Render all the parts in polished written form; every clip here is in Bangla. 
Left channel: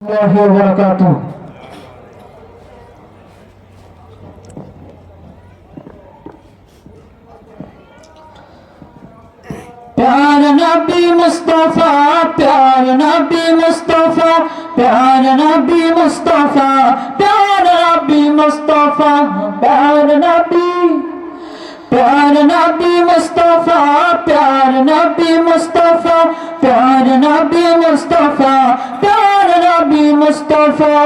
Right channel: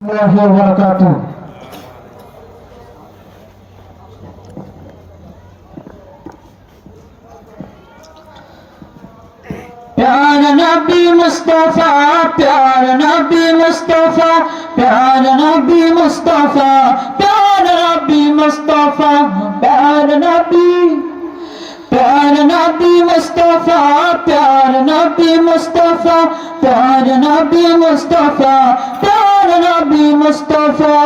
वबरकातुहू। प्यार नबी मुस्तफा, प्यार नबी मुस्तफा, प्यार नबी मुस्तफा, प्यार नबी मुस्तफा, प्यार नबी, प्यार नबी मुस्तफा, प्यार नबी मुस्तफा, प्यार नबी मुस्तफा, प्यार नबी मुस्तफा।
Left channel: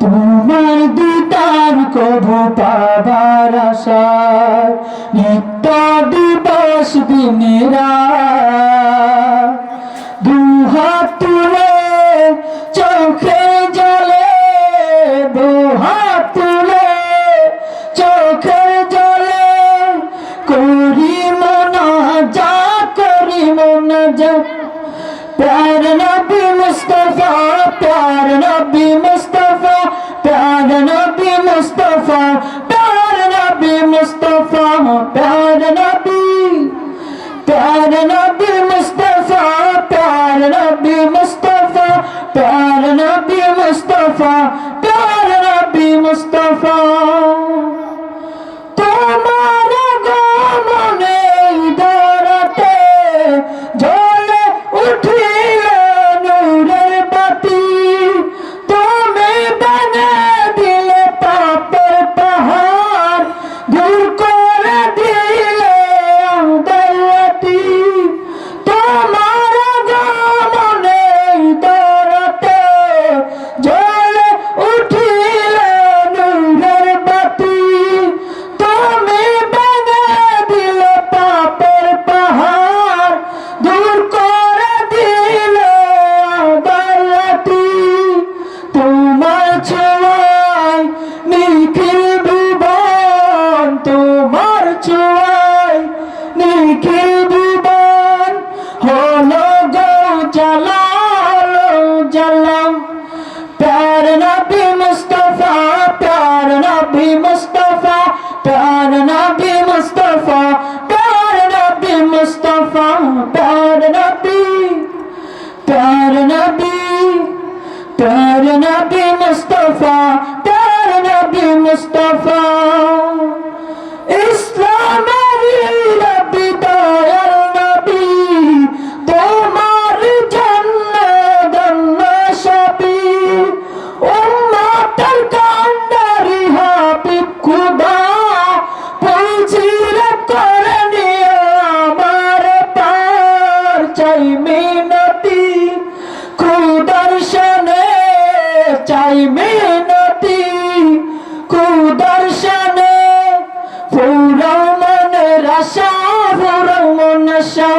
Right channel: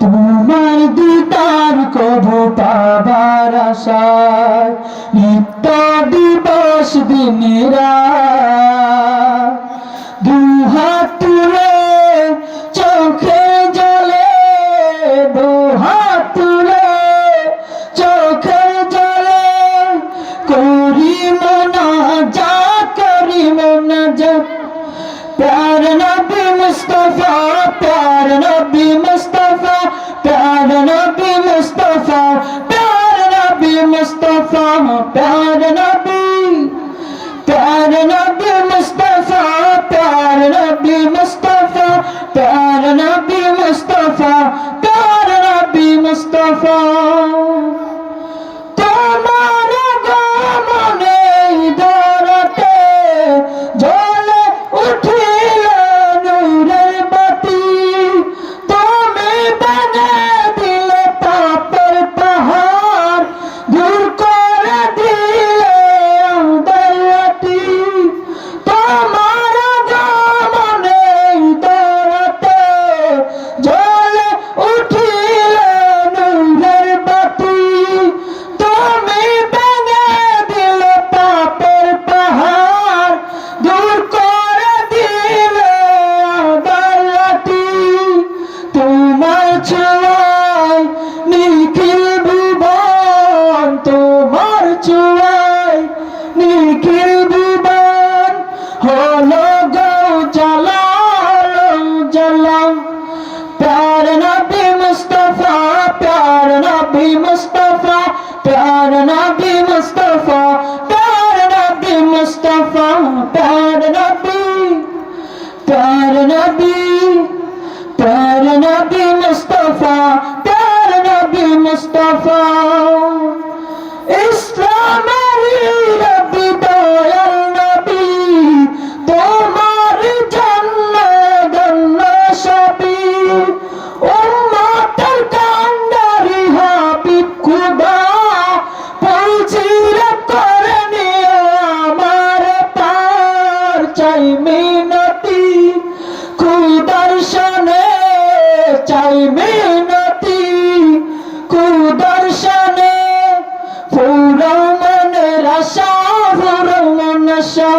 তোমার দিদার কবু পাবার আশায় নিত্য দিবস দিন রাত দুহাত তুলে চোখে জলে, দুহাত তুলে চোখে জলে করি মোনাজাত, করি মোনাজাত। प्यार नबी मुस्तफा, प्यार नबी मुस्तफा, प्यार नबी मुस्तफा, प्यार नबी मुस्तफा, प्यार नबी, प्यार नबी मुस्तफा, प्यार नबी मुस्तफा, प्यार नबी मुस्तफा, प्यार नबी मुस्तफा। তোমার গমনে দরতে জ্বলে উঠিল নূরের বাতি, তুমি বানা দিলে পাপের পাহাড়, দূর করে দিলে আমাদের রাতি। তোমার গমনে দরতে জ্বলে উঠিল নূরের বাতি, তুমি বানা দিলে পাপের পাহাড়, দূর করে দিলে আমাদের রাতি। তোমার ছোঁয়ায় নিখিল ভুবন, তোমার ছোঁয়ায় নিখিল ভুবন হলো গো জ্বালা, হলো জ্বালা। प्यार नबी मुस्तफा, प्यार नबी मुस्तफा, प्यार नबी मुस्तफा, प्यार नबी मुस्तफा, प्यार नबी, प्यार नबी, प्यार नबी मुस्तफा, प्यार नबी मुस्तफा। इस्लामेरी नबी दयाल नबी, তোমার জন্য ধন্য সবই। উম্মতের কান্ডারি হাবিব খুদা, পৌঁছিরে করে নিও আমার পার। চাই মিনতি খুদার শানে, চাই মিনতি খুদার শানে, ফুরাও মনের আশা, ফুরাও মন আশা।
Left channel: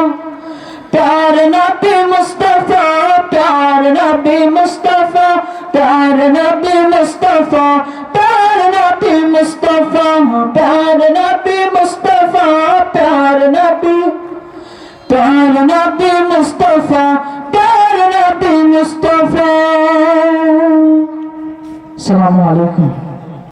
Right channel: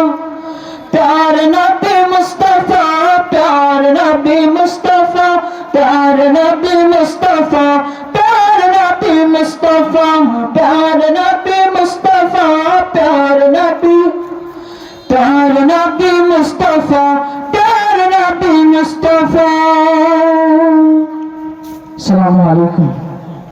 प्यार नबी मुस्तफा, प्यार नबी मुस्तफा, प्यार नबी मुस्तफा, प्यार नबी मुस्तफा, प्यार नबी मुस्तफा, प्यार नबी, प्यार नबी मुस्तफा, प्यार नबी मुस्तफा। अस्सलामु अलैकुम।